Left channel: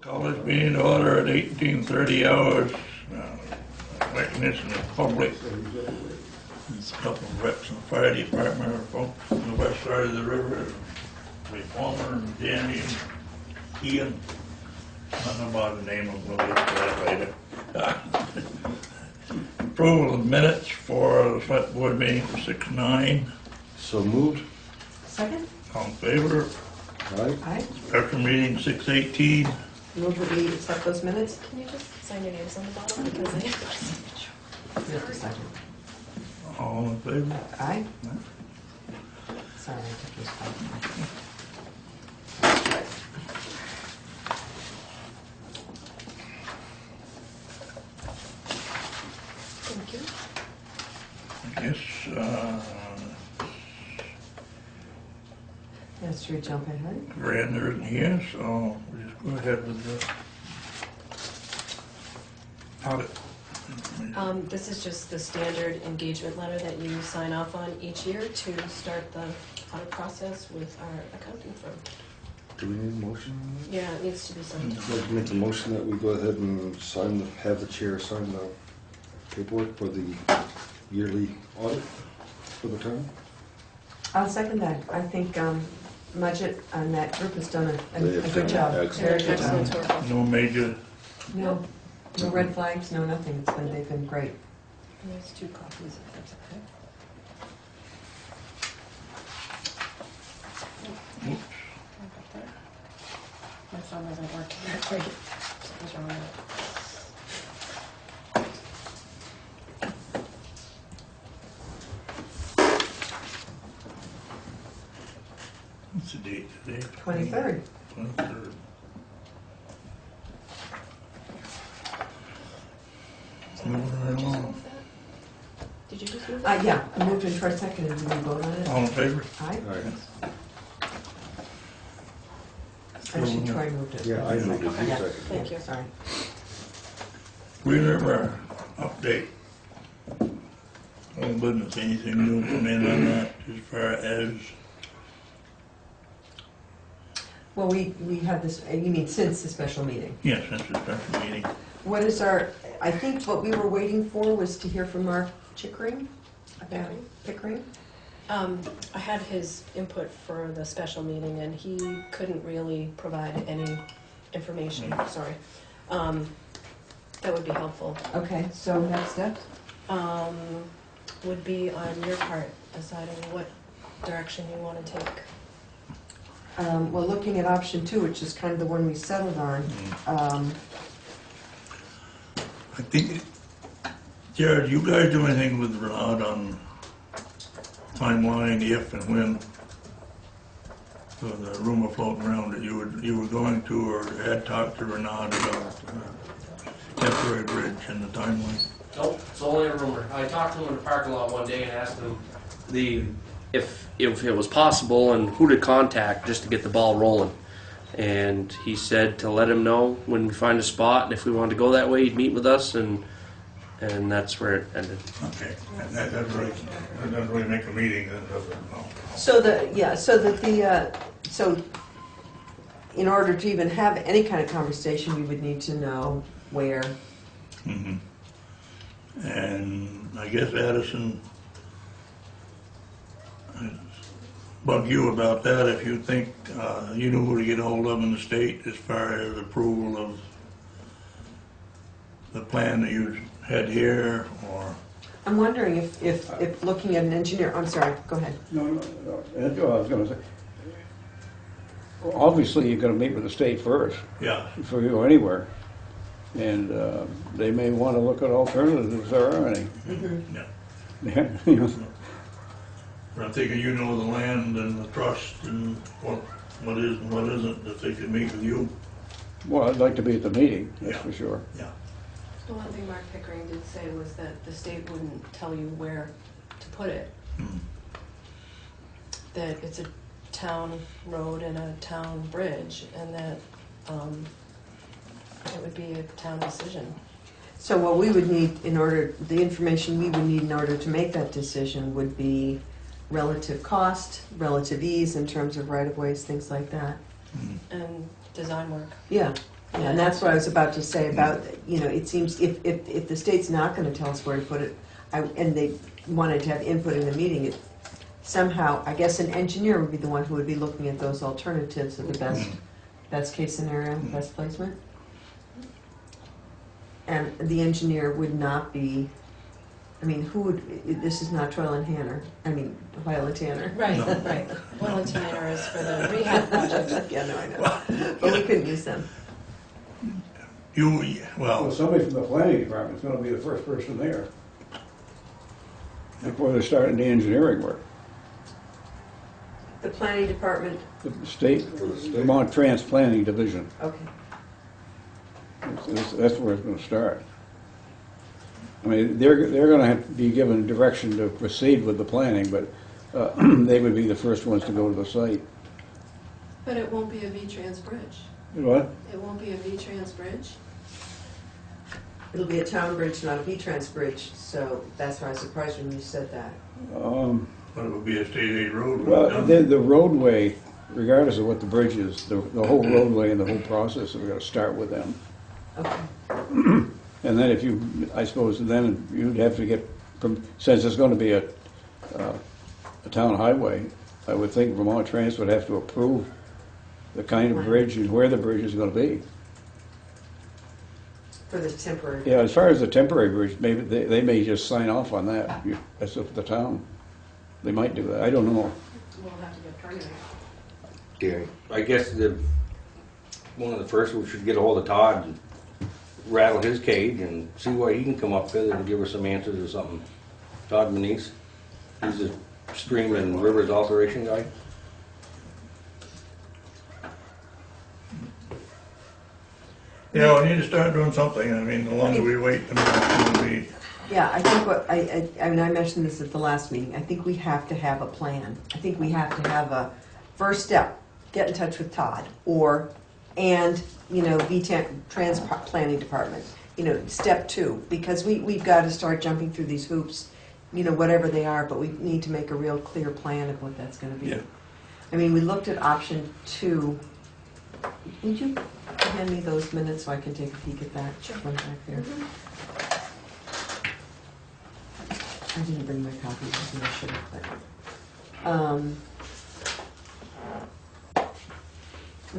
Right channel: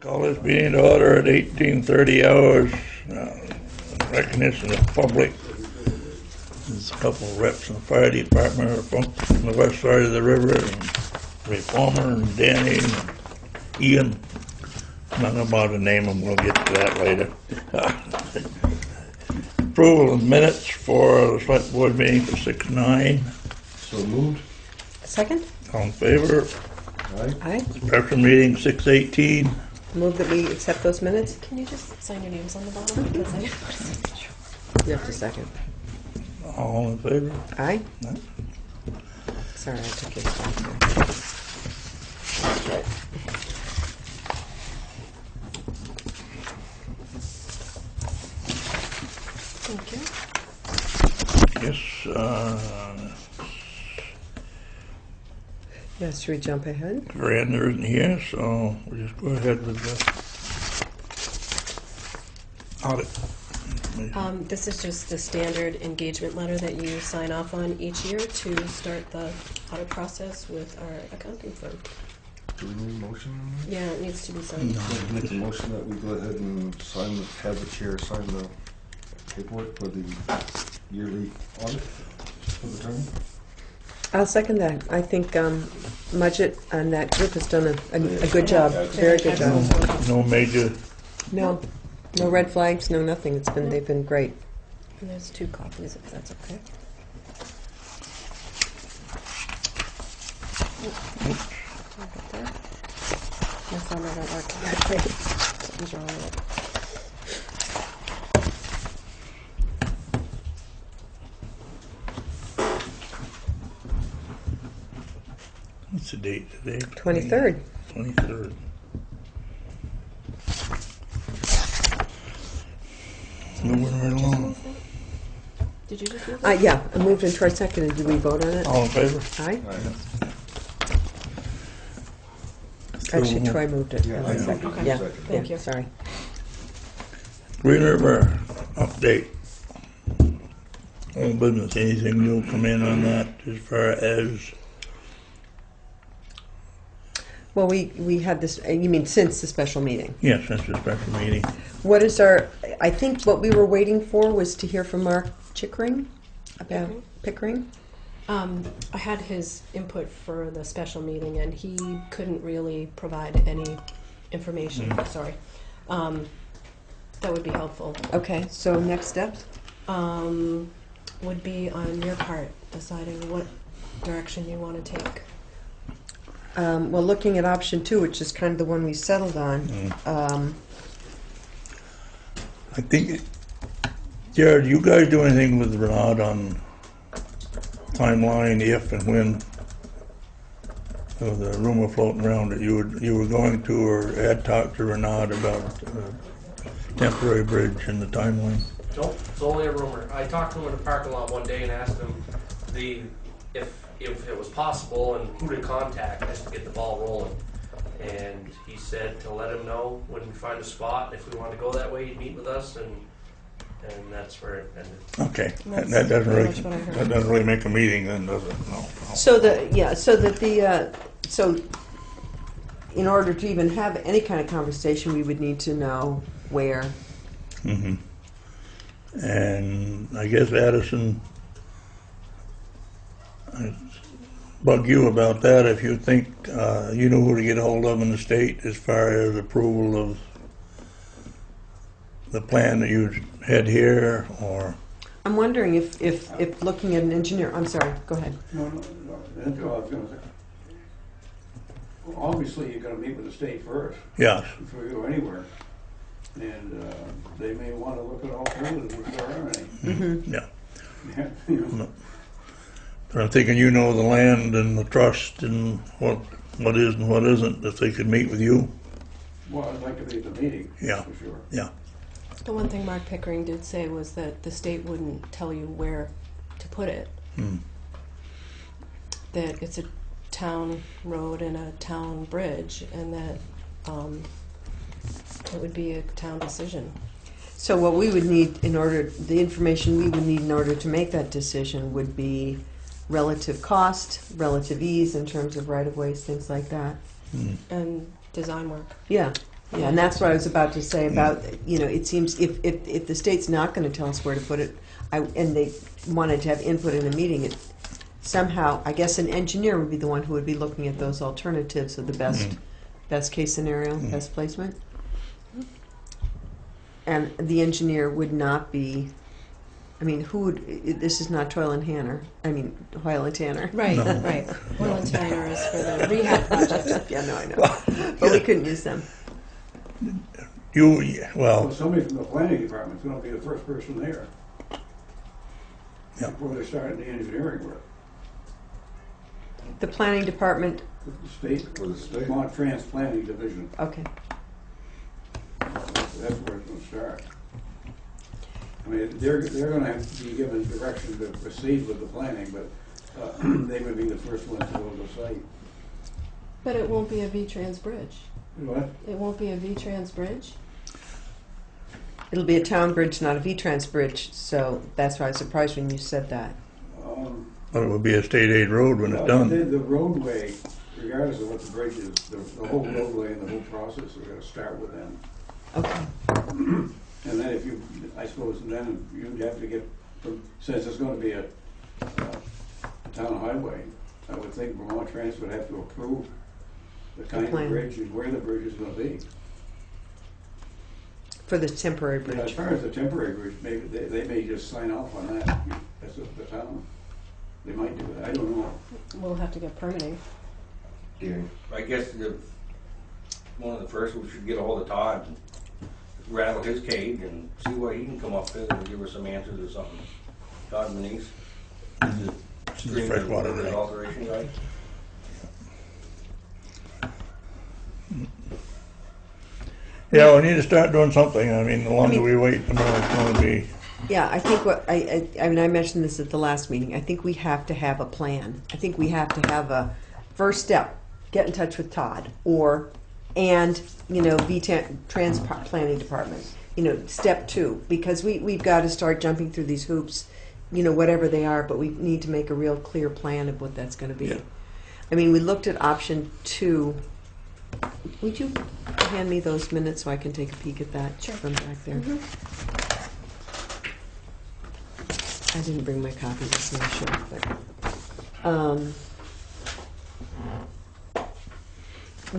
Call this meeting to order at 18:30 hours. Recognition of public. There's a couple of reps from the fire department are folks on the west side of the river. And Palmer and Danny and Ian. Nothing about a name, we'll get to that later. Approval of minutes for the select board meeting for 6/9. So moved. Second? All in favor? Aye. Aye. Special meeting 6/18. Move that we accept those minutes? Can you just sign your names on the bottom? Because I didn't put a signature. You have to second. All in favor? Aye? Aye. Sorry, I took your spot. Thank you. Yes, Yes, should we jump ahead? Brandon isn't here, so we'll just go ahead with the audit. This is just the standard engagement letter that you sign off on each year to start the audit process with our accounting firm. Do we need a motion? Yeah, it needs to be signed. I'd like to make a motion that we go ahead and sign, have the chair sign the paperwork for the yearly audit for the town. I'll second that. I think Mudgett and that group has done a good job, very good job. No major, No red flags, no nothing. They've been great. And there's 2 copies if that's okay. I'll get that. That's all right on that. Those are all right. what's the date today? 23rd. 23rd. Moving right along. Did you just do that? Yeah, I moved into our second. And did we vote on it? All in favor? Aye? Aye. Actually, Troy moved it. Yeah, I moved it. Okay. Yeah. Second. Thank you. Sorry. Green River update. Old business, anything new come in on that as far as, Well, we had this, you mean since the special meeting? yes, since the special meeting. What is I think what we were waiting for was to hear from Mark Chickering about Pickering. I had his input for the special meeting and he couldn't really provide any information, sorry. That would be helpful. Okay, so next steps? Would be on your part, deciding what direction you want to take. Well, looking at option 2, which is kind of the one we settled on, I think, Jared, you guys do anything with Renaud on timeline, if and when? There was a rumor floating around that you were going to or had talked to Renaud about temporary bridge and the timeline. Nope, it's only a rumor. I talked to him in the parking lot one day and asked him if it was possible and who to contact just to get the ball rolling. And he said to let him know when we find a spot, and if we wanted to go that way, he'd meet with us, and that's where it ended. Okay, that doesn't really make a meeting then, does it? No. So in order to even have any kind of conversation, we would need to know where. Mm-hmm. And I guess Addison, I bug you about that if you think you know who to get a hold of in the state as far as approval of the plan that you had here, or I'm wondering if looking at an engineer, I'm sorry, go ahead. No. I was going to say, obviously you're going to meet with the state first yeah, before you go anywhere. And they may want to look at alternatives if there are any. Mm-hmm. yeah. Yeah, you know. But I'm thinking you know the land and the trust and what is and what isn't. If they could meet with you, Well, I'd like to be at the meeting, Yeah. for sure. yeah. The one thing Mark Pickering did say was that the state wouldn't tell you where to put it. Hmm. That it's a town road and a town bridge, and that it would be a town decision. So what we would need the information we would need in order to make that decision would be relative cost, relative ease in terms of right-of-ways, things like that. Hmm. And design work. Yeah, Yeah, and that's what I was about to say about, it seems if the state's not gonna tell us where to put it, and they wanted to have input in the meeting, it somehow, I guess an engineer would be the one who would be looking at those alternatives of the best case scenario, best placement. And the engineer would not be, this is not Hoyle and Tanner. Right, right. Oil and Tanner is for the rehab project. Yeah, no, I know. Well, But we couldn't use them. Well, somebody from the planning department's gonna be the first person there. Before they start the engineering work. The planning department, The state, For the state. Vermont Trans Planning Division, okay. that's where it's gonna start. I mean, they're gonna have to be given direction to proceed with the planning, but they would be the first ones to go to the site. But it won't be a V-Trans bridge. What? It won't be a V-Trans bridge? It'll be a town bridge, not a V-Trans bridge, so that's why I was surprised when you said that. But it would be a state aid road when it's Well, done. the roadway, regardless of what the bridge is, the whole roadway and the whole process, we're gonna start with them. Okay. And then if you, I suppose, then you'd have to get, since it's gonna be a town highway, I would think Vermont Trans would have to approve the kind of Plan. bridge and where the bridge is gonna be. For this temporary bridge. Yeah, as far as the temporary bridge, maybe they may just sign off on that, that's up to the town. They might do that, I don't know. We'll have to get permitting. Danny. I guess one of the first we should get a hold of Todd and rattle his cage and see what he can come up with and give us some answers or something. Todd Manise, he's a stream and Freshwater rivers guy. alteration guy. Yeah, we need to start doing something. I mean, the longer we wait, the more it's gonna be. Yeah, I think I mentioned this at the last meeting, I think we have to have a plan. I think we have to have a first step, get in touch with Todd, Trans Planning Department, step 2, because we've got to start jumping through these hoops, whatever they are, but we need to make a real clear plan of what that's gonna be. Yeah. I mean, we looked at option 2. Would you hand me those minutes so I can take a peek at that? Sure. One back there. I didn't bring my copy, so I should,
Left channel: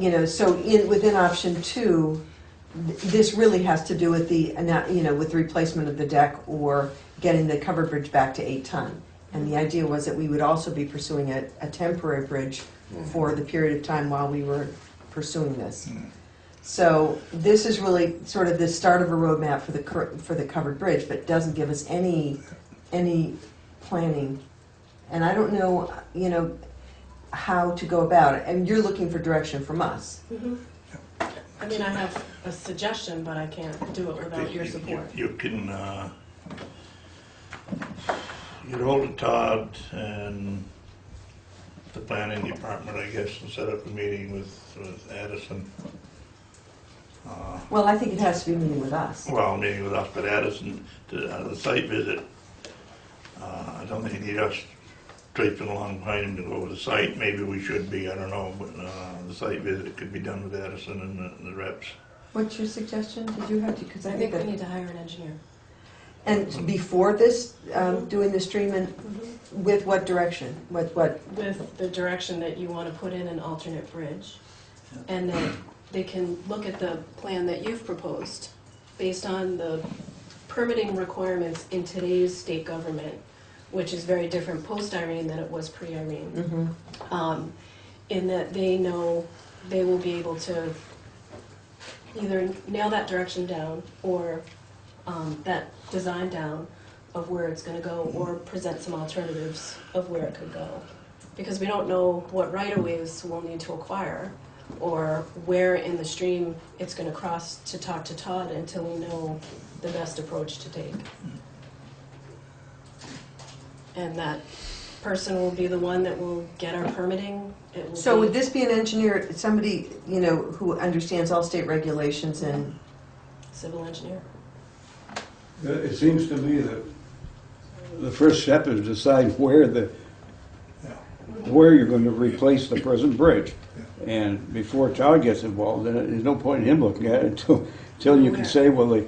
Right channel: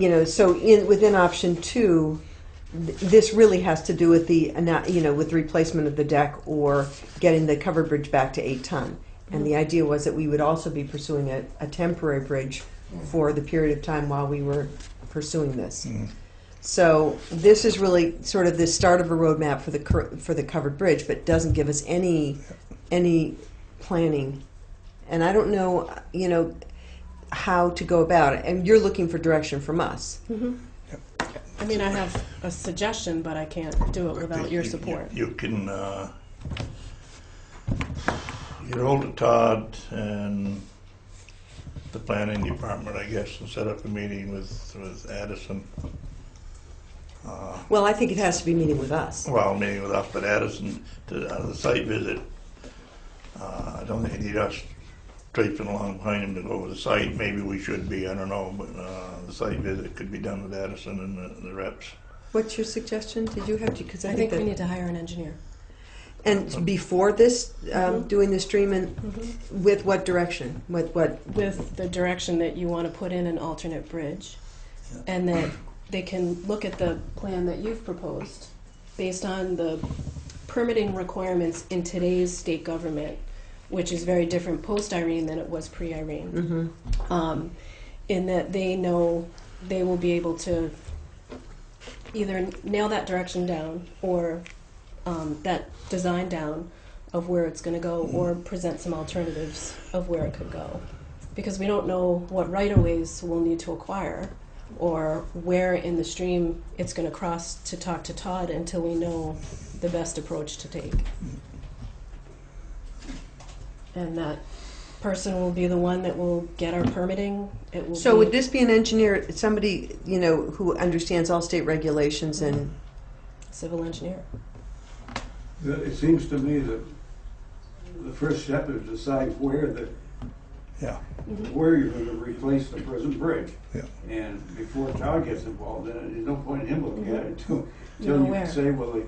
but, so within option 2, this really has to do with with the replacement of the deck or getting the covered bridge back to 8 ton. And the idea was that we would also be pursuing a temporary bridge for the period of time while we were pursuing this. So this is really sort of the start of a roadmap for the covered bridge, but doesn't give us any planning. And I don't know, how to go about it. And you're looking for direction from us. Mm-hmm. I mean, I have a suggestion, but I can't do it without your support. You can get hold of Todd and the planning department, I guess, and set up a meeting with Addison. Well, I think it has to be meeting with us. Well, meeting with us, but Addison, to the site visit. I don't think you need us traipsing along behind him to go over the site. Maybe we should be, I don't know, but the site visit could be done with Addison and the reps. What's your suggestion? Did you have to? Because I think we need to hire an engineer. And before this, doing the stream and with what direction? With what? With the direction that you want to put in an alternate bridge, and that they can look at the plan that you've proposed based on the permitting requirements in today's state government, which is very different post-Irene than it was pre-Irene. In that they know they will be able to either nail that direction down or that design down of where it's going to go, or present some alternatives of where it could go. Because we don't know what right-of-ways we'll need to acquire or where in the stream it's going to cross to talk to Todd until we know the best approach to take. And that person will be the one that will get our permitting. It will So be would this be an engineer, somebody, who understands all state regulations and? civil engineer. It seems to me that the first step is decide where the where you're gonna replace the present bridge. Yeah. And before Todd gets involved, then there's no point in him looking at it until you Nowhere. can say, well, the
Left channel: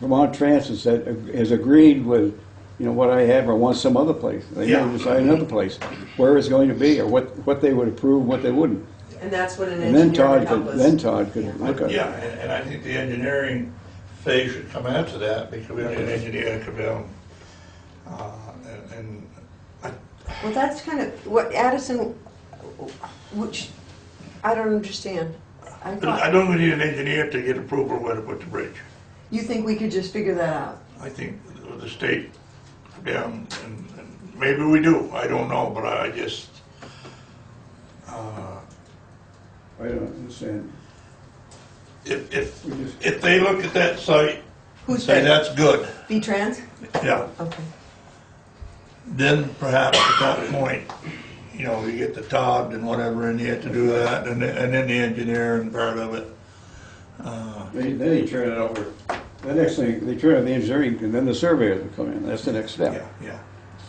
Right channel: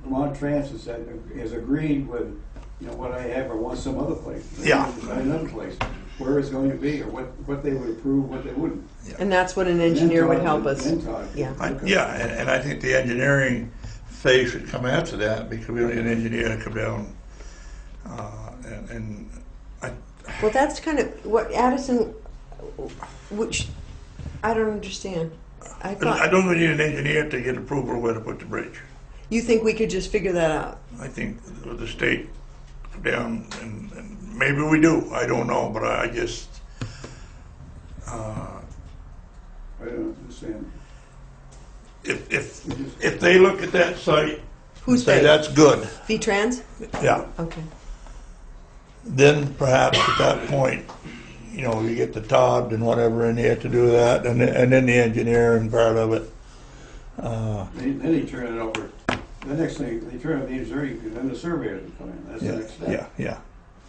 Vermont Transit said, has agreed with, you know, what I have or want some other place. They Yeah. have to decide another place, where it's going to be, or what they would approve and what they wouldn't. And that's what an And then engineer would Todd help could- us. Then Todd could Yeah. look at it. Yeah, and I think the engineering phase should come after that, because we don't need an engineer to come down, and Well, that's kind of what Addison, which, I don't understand. I I thought, don't need an engineer to get approval where to put the bridge. you think we could just figure that out? I think the state come down, and maybe we do, I don't know, but I just, I don't understand. if they look at that site and Who's say they? that's good, V-Trans? yeah, Okay. then perhaps at that point, you know, you get the Todd and whatever in there to do that, and then the engineering part of it. Then they turn it over, the next thing, they turn it to the engineering, and then the surveyors would come in, that's the next step. Yeah, yeah.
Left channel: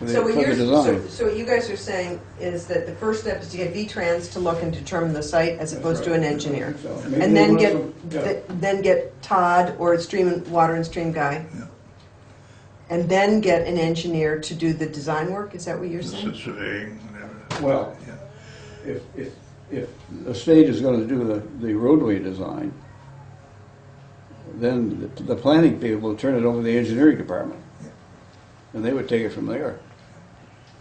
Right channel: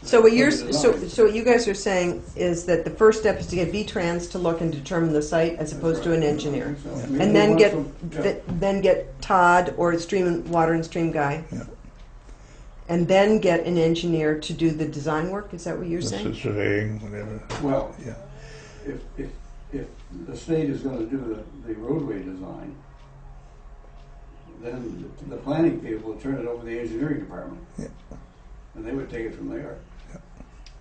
So what they you're, put the design. so what you guys are saying is that the first step is to get V-Trans to look and determine the site as opposed to an engineer. So maybe And they then want get, some- yeah. then get Todd or a water and stream guy. Yeah. And then get an engineer to do the design work, is that what you're saying? Surveying, whatever. Well, Yeah. if the state is gonna do the roadway design, then the planning people will turn it over to the engineering department. Yeah. And they would take it from there.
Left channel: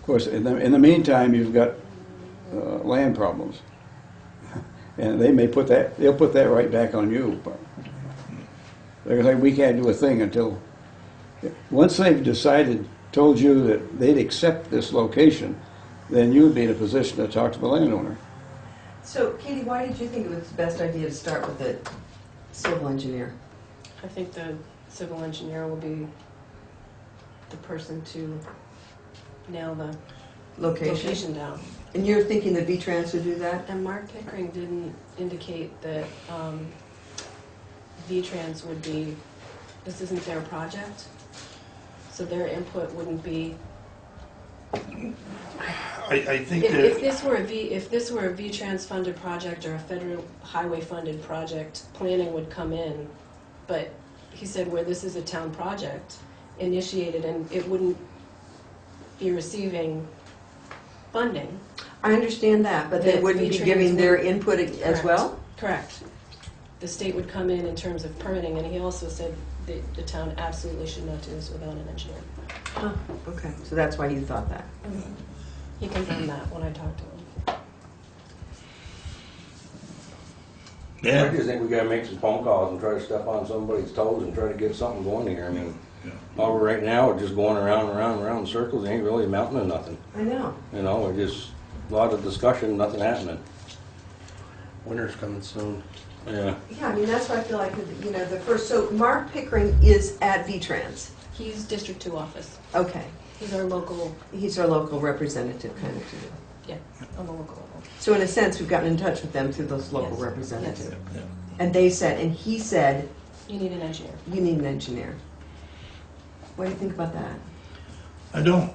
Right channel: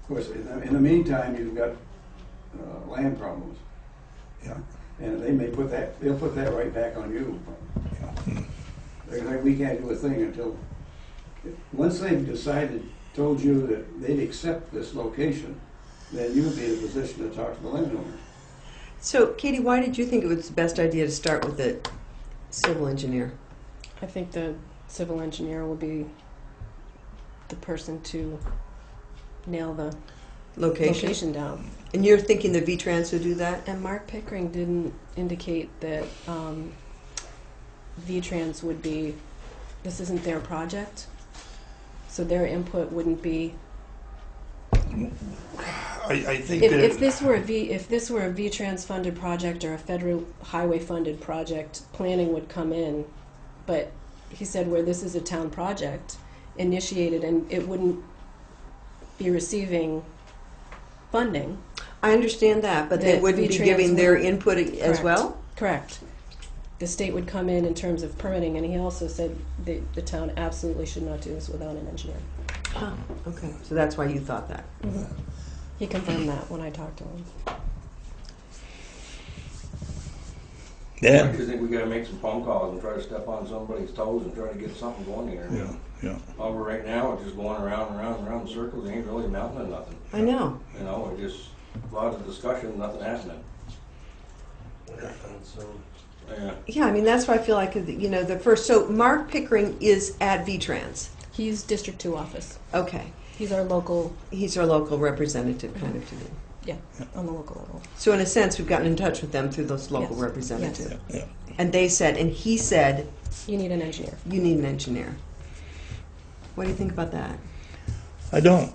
Of course, in the meantime, you've got land problems. Yeah. And they'll put that right back on you, but they're like, we can't do a thing until, once they've decided, told you that they'd accept this location, then you'd be in a position to talk to the landowner. So Katie, why did you think it was the best idea to start with a civil engineer? I think the civil engineer will be the person to nail the location down. And you're thinking that V-Trans would do that? And Mark Pickering didn't indicate that V-Trans would be, this isn't their project, so their input wouldn't be. I think If that, this were a V-Trans funded project or a federal highway funded project, planning would come in. But he said where this is a town project, initiated, and it wouldn't be receiving funding. I understand that, but they That wouldn't be V-Trans giving their would- input as Correct. well? Correct. The state would come in terms of permitting, and he also said the town absolutely should not do this without an engineer. Huh, okay. So that's why you thought that. He confirmed that when I talked to him. I yeah, just think we gotta make some phone calls and try to step on somebody's toes and try to get something going here. I mean, yeah. all right now, we're just going around and around and around in circles, it ain't really amounting to nothing. I know. You know, we're just, a lot of discussion, nothing happening. Winter's coming soon. Yeah. Yeah, I mean, that's why I feel like, you know, the first, so Mark Pickering is at V-Trans. He's District 2 office. Okay. He's our local, He's our local representative kind of. yeah, on the local level. So in a sense, we've gotten in touch with them through those local Yes. representatives. Yeah. And they said, and he said, You need an engineer. you need an engineer. What do you think about that? I don't.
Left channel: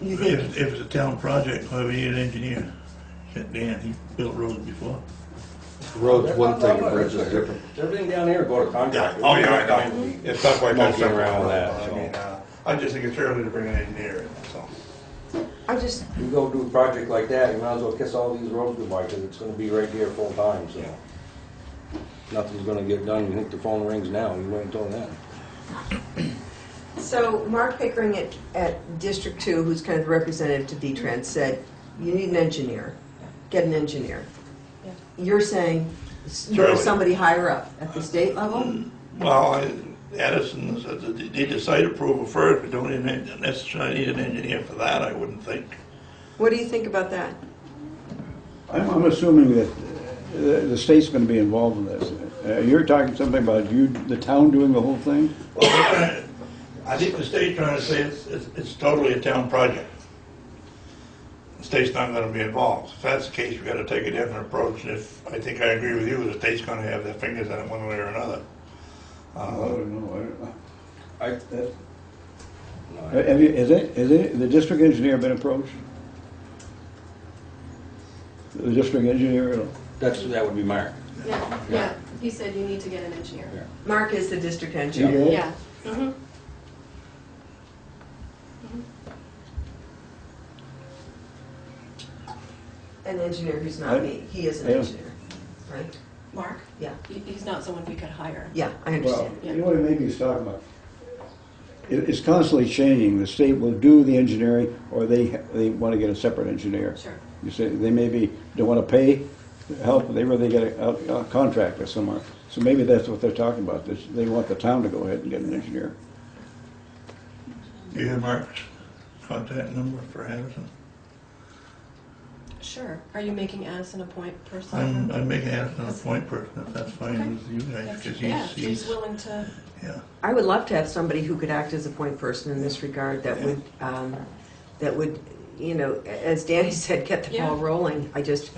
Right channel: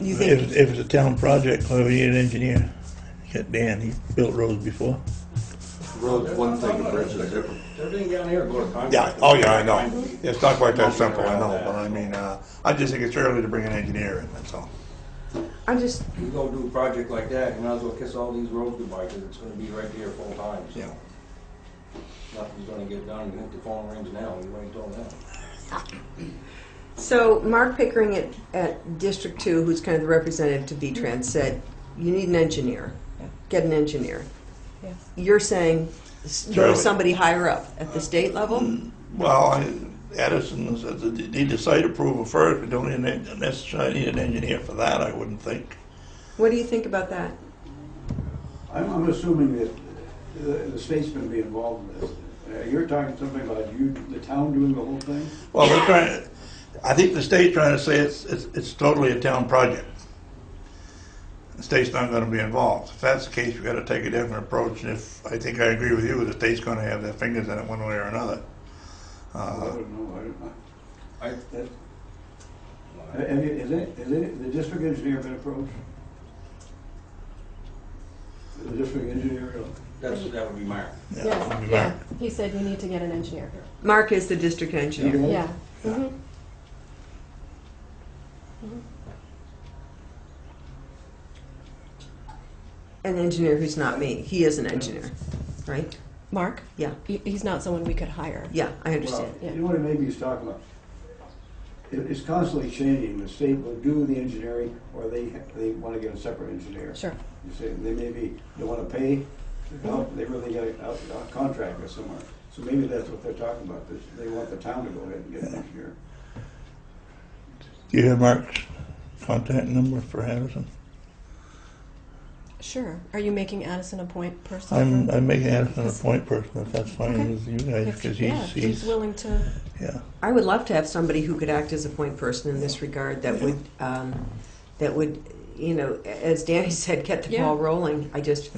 You If think, it's a town project, why we need an engineer? Get Dan, he built roads before. Road's one thing, and bridge is different. Everything down here go to Yeah, contractors. oh yeah, I know. It's not quite that Monkey simple, around no, that, but I so. mean, I just think it's early to bring an engineer in, that's all. I just, You go do a project like that, you might as well kiss all these roads goodbye, because it's gonna be right there full time, so. Nothing's gonna get done, you think the phone rings now, you wait until then. so Mark Pickering at District 2, who's kind of the representative to V-Trans, said, you need an engineer. Yeah. Get an engineer. Yeah. You're saying Sure. there's somebody higher up at the state level? Well, Addison said that they need the site approval first, we don't necessarily need an engineer for that, I wouldn't think. What do you think about that? I'm assuming that the state's gonna be involved in this. You're talking something about the town doing the whole thing? Well, we're trying, I think the state's trying to say it's totally a town project. The state's not gonna be involved. If that's the case, we gotta take a different approach, and if, I think I agree with you, the state's gonna have their fingers in it one way or another. I don't know. I, Has the district engineer been approached? The district engineer, That would be Mark. Yeah, he said you need to get an engineer. Mark is the district engineer. Okay. Yeah. Mhm. An engineer who's not me. He is an Yeah. engineer, right? Mark? Yeah. He's not someone we could hire. Yeah, I well, understand. you know what maybe he's talking about? It's constantly changing. The state will do the engineering, or they want to get a separate engineer. Sure. You say, they maybe don't want to pay help, they rather get a contractor somewhere. So maybe that's what they're talking about, they want the town to go ahead and get an engineer. Do you have Mark's contact number for Harrison? Sure. Are you making Addison a point person? I'm making Harrison a point person, if that's fine Okay. with you guys, If- because yeah, if she's willing to. yeah. I would love to have somebody who could act as a point person in this regard that would, you know, as Danny said, get the ball Yeah. rolling.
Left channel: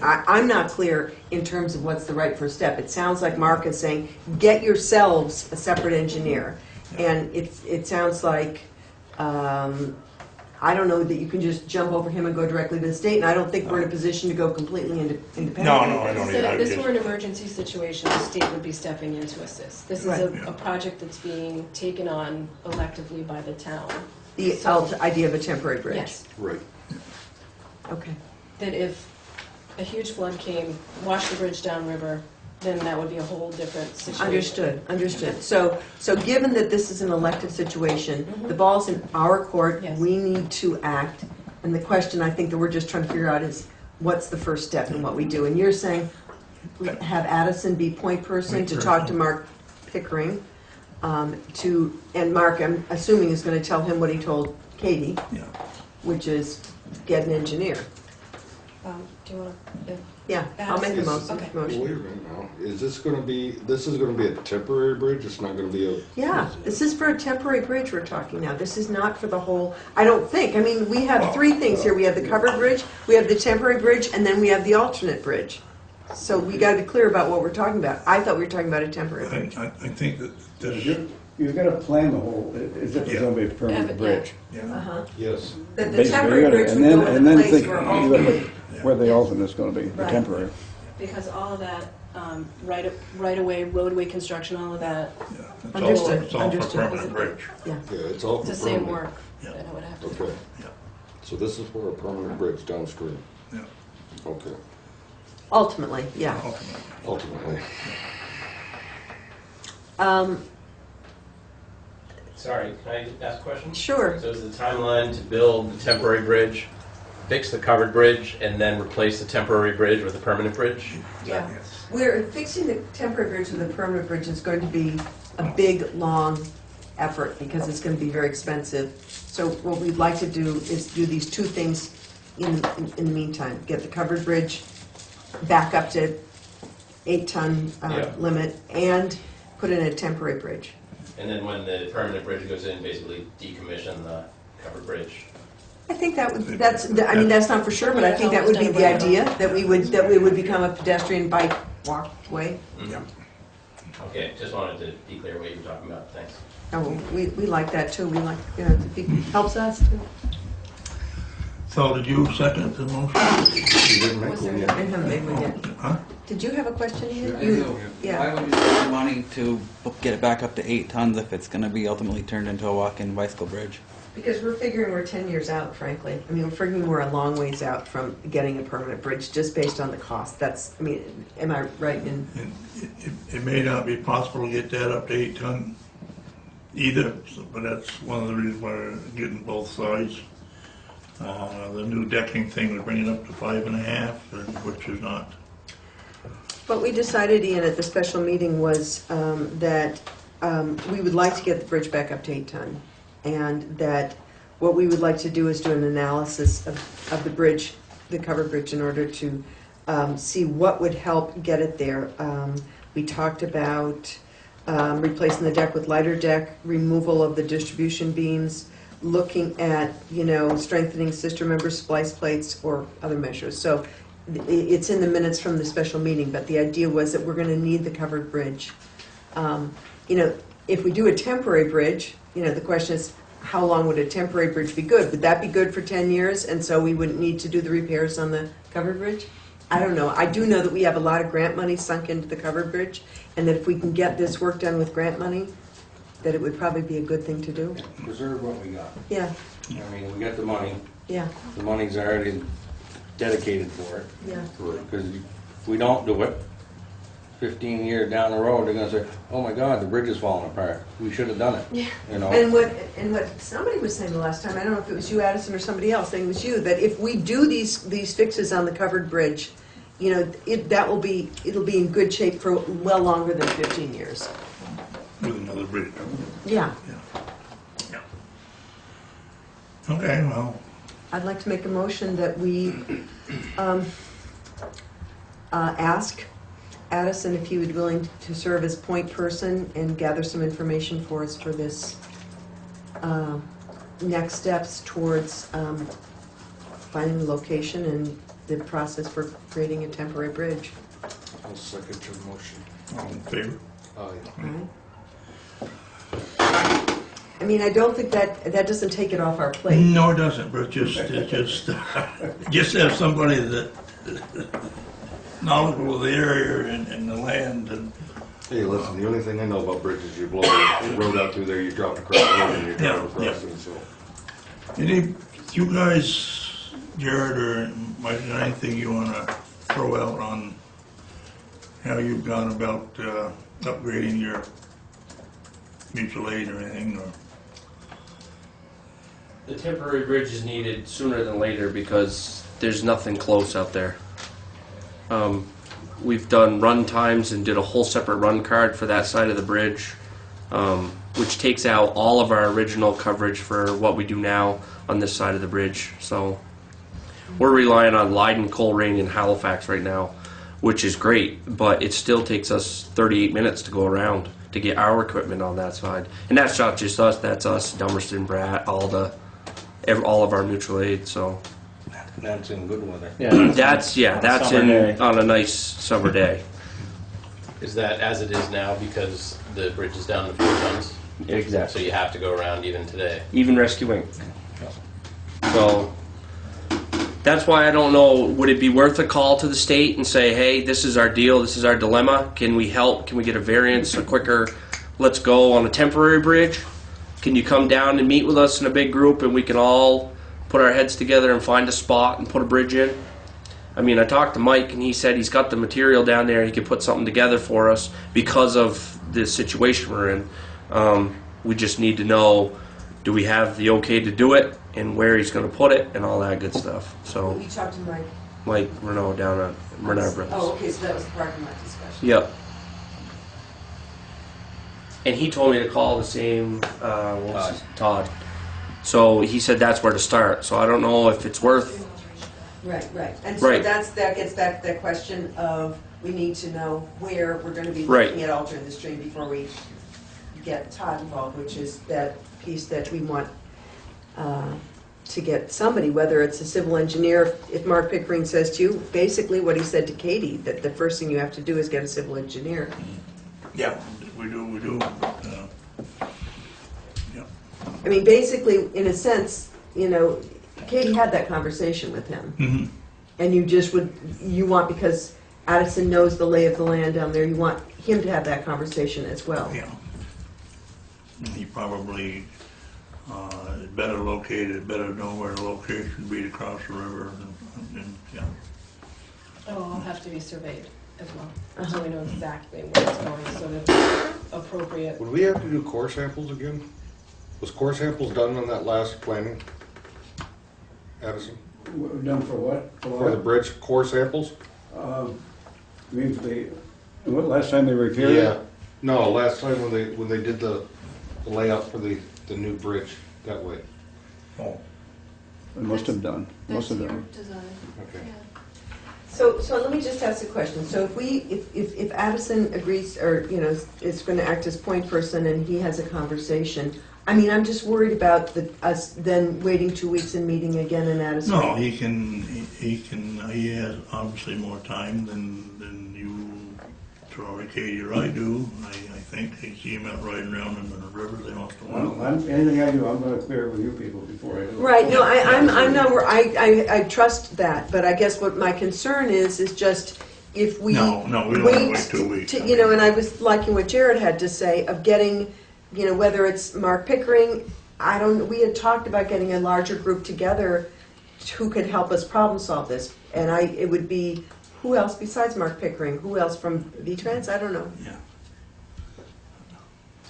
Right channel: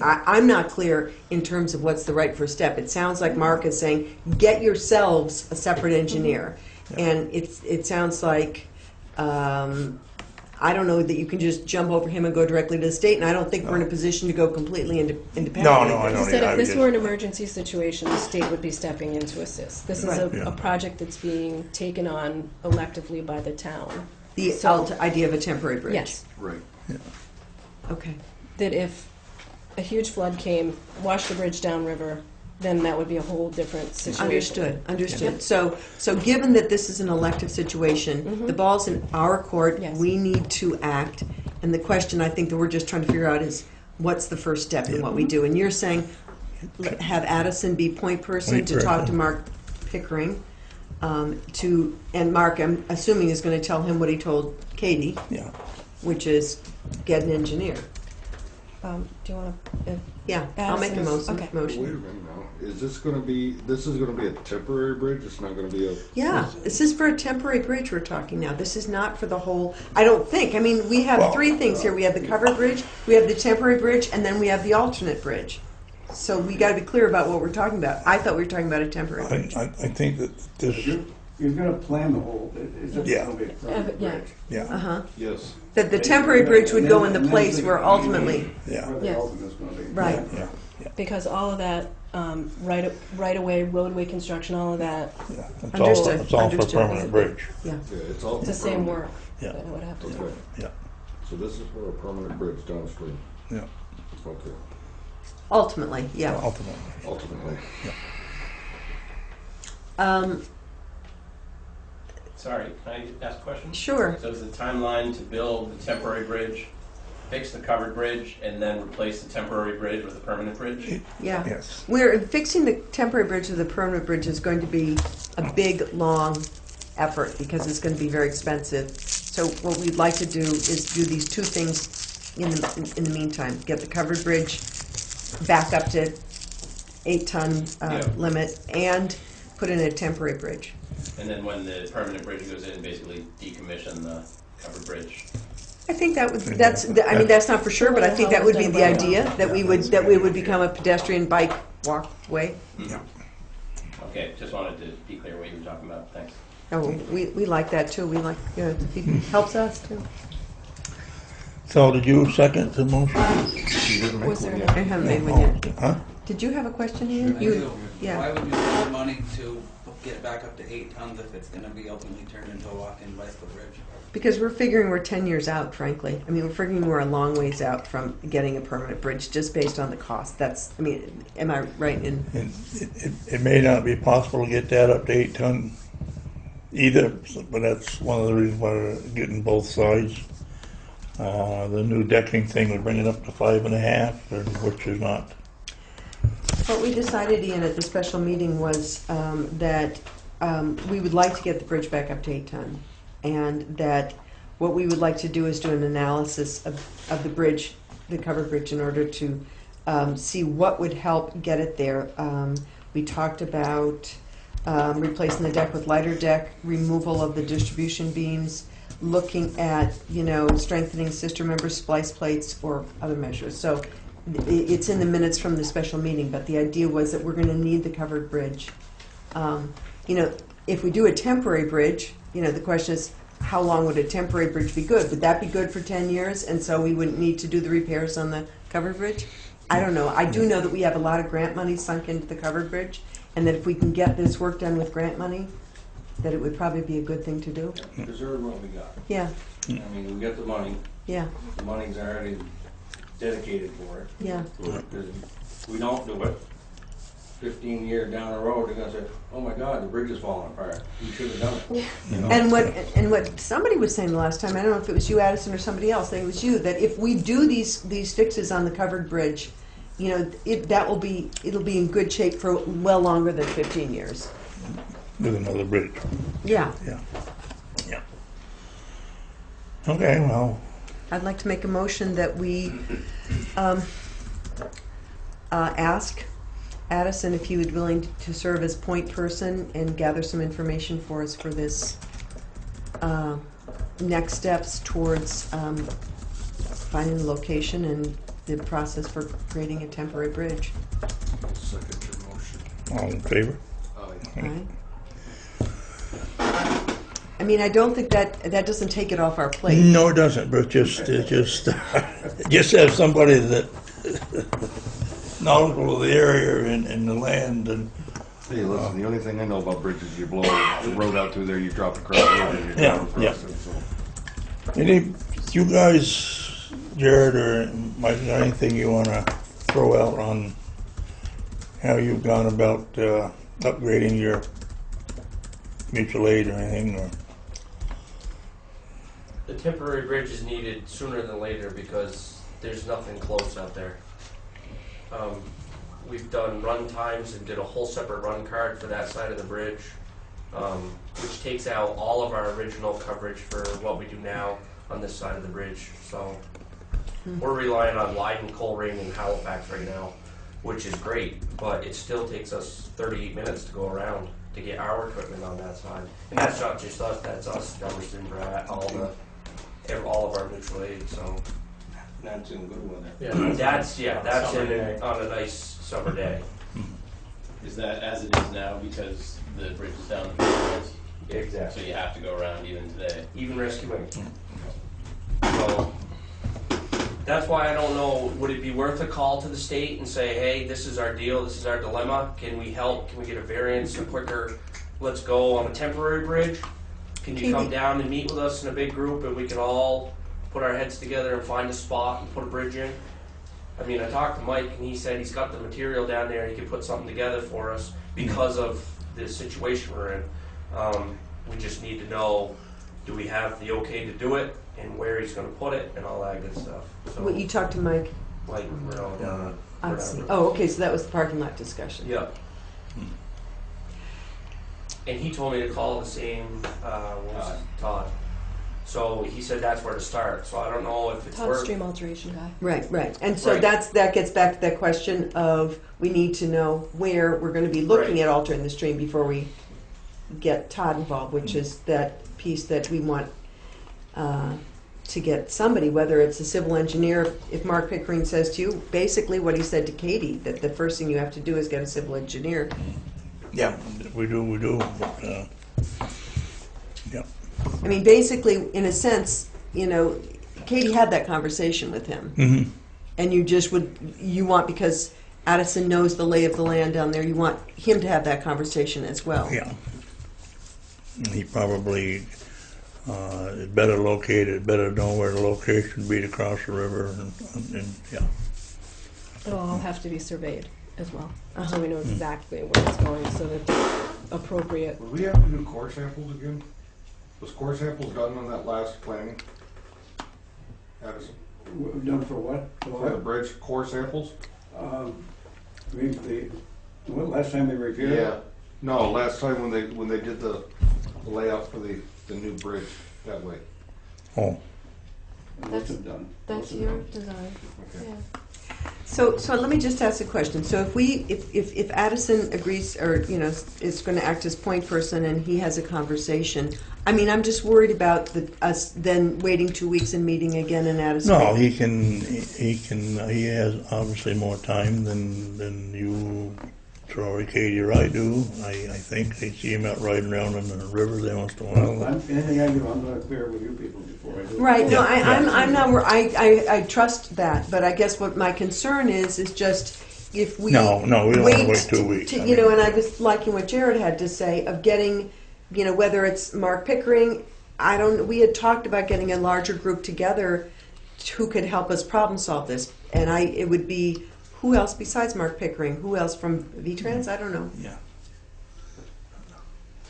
I'm not clear in terms of what's the right first step. It sounds like Mark is saying, get yourselves a separate engineer. And it sounds like, I don't know that you can just jump over him and go directly to the state, and I don't think we're in a position to go completely independent. No, I He don't said either. if this were an emergency situation, the state would be stepping in to assist. This is Right. a project that's being taken on electively by the town. The idea of a temporary bridge. Yes. Right. Okay. That if a huge flood came, washed the bridge downriver, then that would be a whole different situation. Understood. So given that this is an elected situation, Mhm. the ball's in our court, Yes. we need to act. And the question I think that we're just trying to figure out is, what's the first step in what we do? And you're saying, have Addison be point person Point to talk to person. Mark Pickering, and Mark, I'm assuming, is gonna tell him what he told Katie, Yeah. which is get an engineer. Do you want to? Yeah, I'll make a Addison. motion. Okay. Wait a minute now, is this gonna be, this is gonna be a temporary bridge, it's not gonna be a, Yeah, this is for a temporary bridge we're talking now. This is not for the whole, I don't think. I mean, we have Well, three things here. We have the covered bridge, we have the temporary bridge, and then we have the alternate bridge. So we gotta be clear about what we're talking about. I thought we were talking about a temporary bridge. I think that this, You've got to plan the whole, it's Yeah. going to be a permanent Yeah. bridge. yeah, Uh-huh. yes. That the Basically, temporary you're gonna- bridge would and go then- in and the then place think- where ultimately, yeah. Where the Yes. ultimate's going to be, Right. temporary. Because all of that, right away, roadway construction, all of that, Yeah. Understood, It's all for understood. permanent bridge, yeah. Yeah, it's all. it's the same permanent. work Yeah. that I would have to do. Okay, yeah, so this is for a permanent bridge downstream, yeah, okay, Ultimately, yeah. ultimately. ultimately. Sorry, can I ask a question? Sure. So is the timeline to build the temporary bridge, fix the covered bridge, and then replace the temporary bridge with a permanent bridge? Yeah. Yes. We're fixing the temporary bridge with the permanent bridge is going to be a big, long effort because it's going to be very expensive. So what we'd like to do is do these two things in the meantime. Get the covered bridge back up to 8-ton Yeah. limit and put in a temporary bridge. And then when the permanent bridge goes in, basically decommission the covered bridge? I think that's not for sure, but I think that would be the idea, that we would become a pedestrian bike walkway. Yeah. Okay, just wanted to be clear what you were talking about, thanks. Oh, we like that too. We like, it helps us too. So did you second the motion? Was there I haven't made one yet. Huh? Did you have a question, Ian? I do. Yeah. Why would you spend money to get it back up to 8 tons if it's going to be ultimately turned into a walk-in bicycle bridge? Because we're figuring we're 10 years out, frankly. I mean, we're figuring we're a long ways out from getting a permanent bridge just based on the cost. Am I right in? It may not be possible to get that up to 8-ton either, but that's one of the reasons why we're getting both sides. The new decking thing would bring it up to 5.5, which is not. What we decided, Ian, at the special meeting was that we would like to get the bridge back up to 8-ton. And that what we would like to do is do an analysis of the bridge, the covered bridge, in order to see what would help get it there. We talked about replacing the deck with lighter deck, removal of the distribution beams, looking at, strengthening sister member splice plates or other measures. So it's in the minutes from the special meeting, but the idea was that we're going to need the covered bridge. If we do a temporary bridge, the question is, how long would a temporary bridge be good? Would that be good for 10 years, and so we wouldn't need to do the repairs on the covered bridge? I don't know. I do know that we have a lot of grant money sunk into the covered bridge, and that if we can get this work done with grant money, that it would probably be a good thing to do. Preserve what we got. Yeah, I mean, we got the money, yeah, the money's already dedicated for it. yeah. Because if we don't do it, 15 years down the road, they're gonna say, oh my God, the bridge is falling apart. We should have done it. You know? And what somebody was saying the last time, I don't know if it was you, Addison, or somebody else, I think it was you, that if we do these fixes on the covered bridge, you know, it'll be in good shape for well longer than 15 years. With another bridge. Yeah. Yeah. Okay, well, I'd like to make a motion that we ask Addison if he would be willing to serve as point person and gather some information for us for this next steps towards finding the location and the process for creating a temporary bridge. I'll second your motion. all in favor? Right? I mean, I don't think that doesn't take it off our plate. No, it doesn't, but just have somebody that knowledgeable of the area and the land and. Hey, listen, the only thing I know about bridges, you blow the road out through there, you drop across the road and you drive across it, so. Any, you guys, Jared or Mike, got anything you wanna throw out on how you've gone about upgrading your mutual aid or anything, or? The temporary bridge is needed sooner than later because there's nothing close out there. We've done run times and did a whole separate run card for that side of the bridge, which takes out all of our original coverage for what we do now on this side of the bridge. So we're relying on Leiden, Coleraine, and Halifax right now, which is great, but it still takes us 38 minutes to go around to get our equipment on that side. And that's not just us, that's us, Dummerston, Bratt, Alda, all of our mutual aid, so. That's in good weather. That's on a nice summer day. Is that as it is now because the bridge is down to 4 tons? So Exactly. you have to go around even today. Even rescuing. So that's why I don't know, would it be worth a call to the state and say, hey, this is our deal, this is our dilemma, can we help, can we get a variance, a quicker, let's go on a temporary bridge? Can you come down and meet with us in a big group and we can all put our heads together and find a spot and put a bridge in? I mean, I talked to Mike and he said he's got the material down there, he could put something together for us because of the situation we're in. We just need to know, do we have the okay to do it and where he's going to put it and all that good stuff. Well, So you talked to Mike. Mike Renault down at Renard Brothers. Oh, okay, so that was the parking lot discussion. Yep. And he told me to call the same, Todd. So he said that's where to start. So I don't know if it's worth. Upstream alteration guy. Right. And so Right. that gets back to that question of, we need to know where we're gonna be looking at altering the stream before we get Todd involved, which is that piece that we want to get somebody, whether it's a civil engineer. If Mark Pickering says to you, basically what he said to Katie, that the first thing you have to do is get a civil engineer. Yeah, we do, but, yeah. I mean, basically, in a sense, you know, Katie had that conversation with him. Mm-hmm. And you want, because Addison knows the lay of the land down there, you want him to have that conversation as well. Yeah. And he probably is better located, better know where the location would be to cross the river and yeah. It'll all have to be surveyed as well, so we know exactly where it's going, so that it's appropriate. Would we have to do core samples again? Was core samples done on that last planning? Addison? Done for what? For the bridge, core samples? I mean, what, last time they repaired it? No, last time when they did the layout for the new bridge that way. Oh, They must have done. That's Must have your done. design. Okay. Yeah. So let me just ask a question. So if Addison agrees, or, you know, is going to act as point person and he has a conversation, I mean, I'm just worried about us then waiting 2 weeks and meeting again in Addison. no, he has obviously more time than you Troy, Katie, or I do. I think they see him out riding around in the river there once in a while. Anything I do, I'm gonna clear it with you people before I do it. Right, no, I'm not, I trust that, but I guess what my concern is just if we No, we don't wanna wait 2 weeks. You know, and I was liking what Jared had to say of getting, you know, whether it's Mark Pickering, we had talked about getting a larger group together who could help us problem solve this. And it would be, who else besides Mark Pickering? Who else from V-Trans? I don't know. Yeah.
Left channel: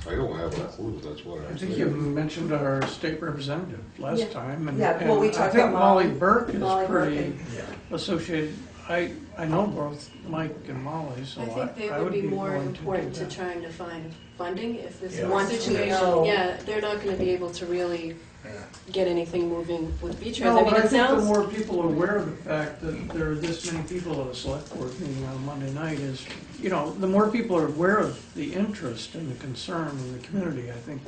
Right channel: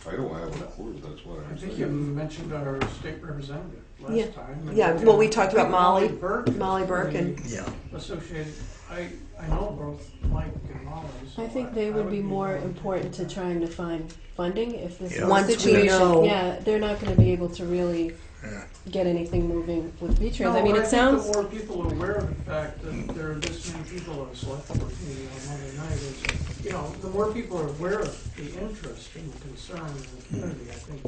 I don't have a clue, that's what I I'm think you saying. mentioned our state representative Yeah. last time. Yeah, well, we talked I think about Molly Burke is Molly Burke pretty and- Yeah. associated. I know both Mike and Molly, so I think they I would be more willing to important do to that. trying to find funding if this Yeah. is a Once we situation. know. Yeah, they're not gonna be able to really Yeah. get anything moving with V-Trans. No, I mean, but I it think sounds, the more people are aware of the fact that there are this many people at a select board meeting on Monday night is, you know, the more people are aware of the interest and the concern in the community, I think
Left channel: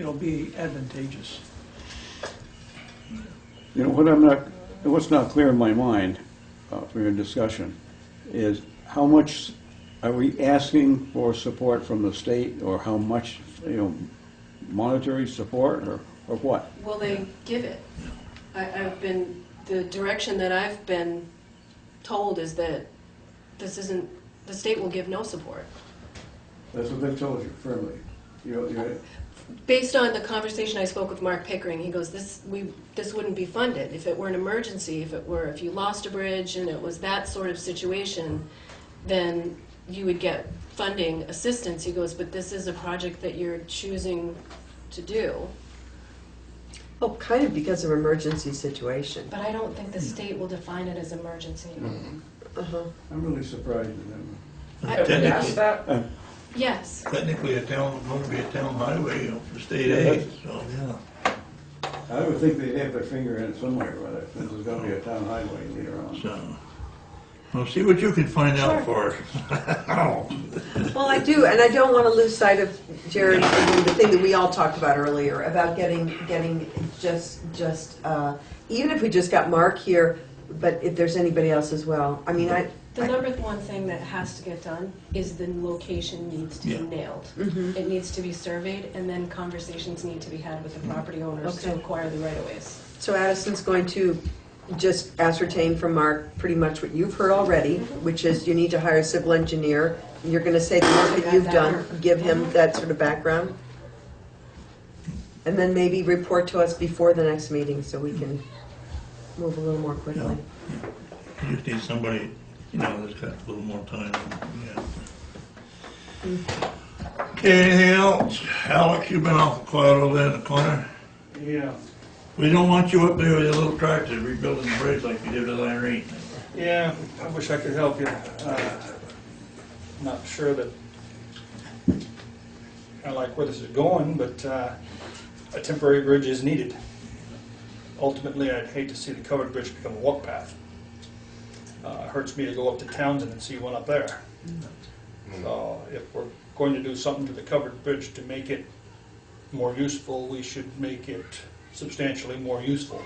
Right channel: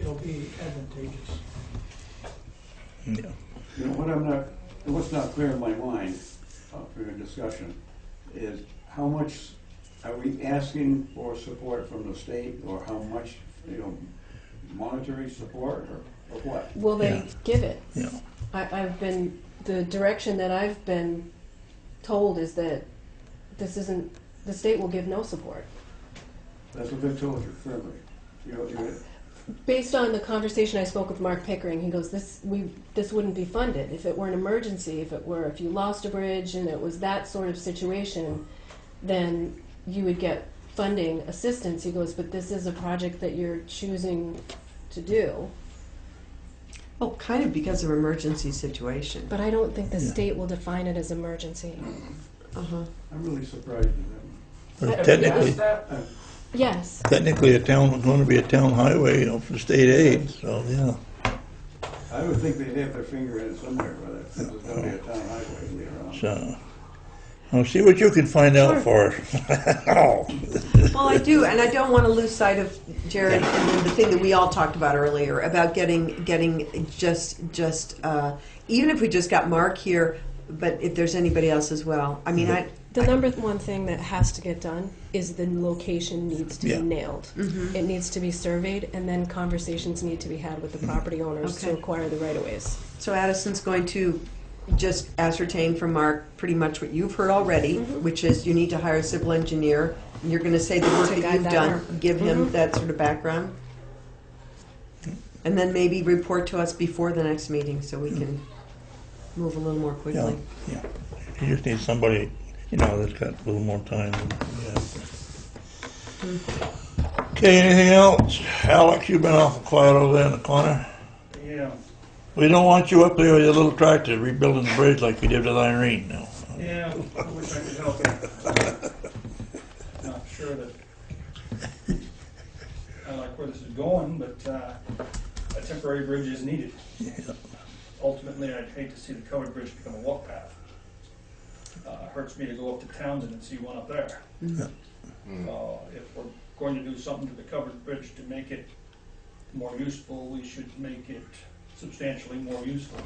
it'll be advantageous. Yeah. You know, what's not clear in my mind, for your discussion, is how much are we asking for support from the state, or how much, you know, monetary support, or what? will they Yeah. give it? Yeah. The direction that I've been told is that the state will give no support. That's what they told you firmly. Based on the conversation I spoke with Mark Pickering, he goes, this wouldn't be funded. If it were an emergency, if you lost a bridge and it was that sort of situation, then you would get funding assistance. He goes, but this is a project that you're choosing to do. Oh, kind of because of emergency situation. But I don't think the Yeah. state will define it as emergency. Uh-huh. I'm really surprised at But Have you technically, asked that? Yes. a town, going to be a town highway up for state aid, so, yeah. I would think they'd have their finger in it somewhere, whether this is gonna be a town highway later on. So, well, see what you can find out for us. Oh. Well, I do, and I don't want to lose sight of, Jared, I mean, the thing that we all talked about earlier, about getting just even if we just got Mark here, but if there's anybody else as well. I mean, The number one thing that has to get done is the location needs to Yeah. be nailed. Mhm. It needs to be surveyed, and then conversations need to be had with the property owners to Okay. acquire the right-of-ways. So Addison's going to just ascertain from Mark pretty much what you've heard already, which is you need to hire a civil engineer. And you're going to say the work that you've done, give him that sort of background. And then maybe report to us before the next meeting so we can move a little more Yeah, quickly. yeah. You just need somebody, you know, that's got a little more time, yeah. Okay, anything else? Alex, you've been awful quiet over there in the corner. Yeah, We don't want you up there with your little tractor rebuilding the bridge like you did with Irene. yeah, I wish I could help you. Not sure that I like where this is going, but a temporary bridge is needed. Ultimately, I'd hate to see the covered bridge become a walk path. Hurts me to go up to Townsend and see one up there. So if we're going to do something to the covered bridge to make it more useful, we should make it substantially more useful